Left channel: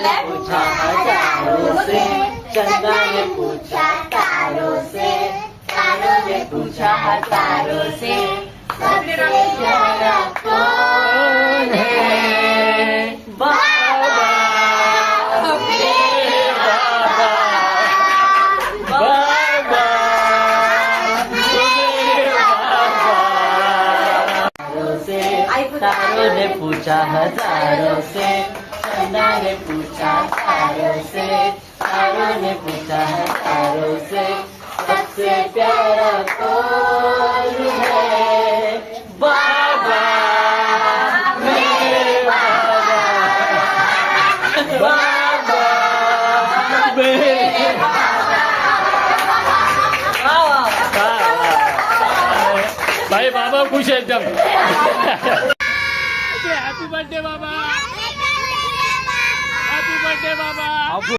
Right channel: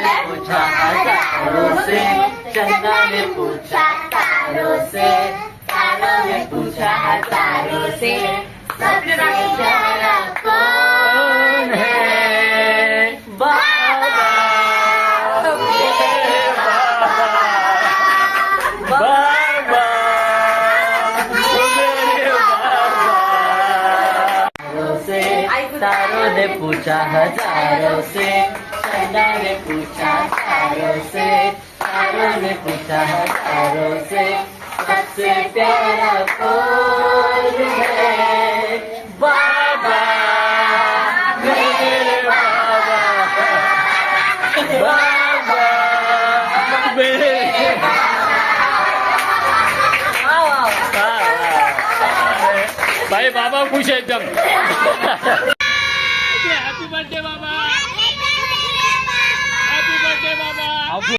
ने पूछा हजारों से, चंदा ने पूछा तारों से, तारों ने पूछा हजारों से, सबसे प्यारा कौन है? बाबा, मेरे बाबा, बाबा, मेरे बाबा। तारों ने पूछा हजारों से, चंदा ने पूछा तारों से, तारों ने पूछा हजारों से, सबसे प्यारा कौन है? बाबा, मेरे बाबा, बाबा, मेरे भाई बाबा खुश है एकदम। हैप्पी बर्थडे बाबा, हैप्पी बर्थडे बाबा।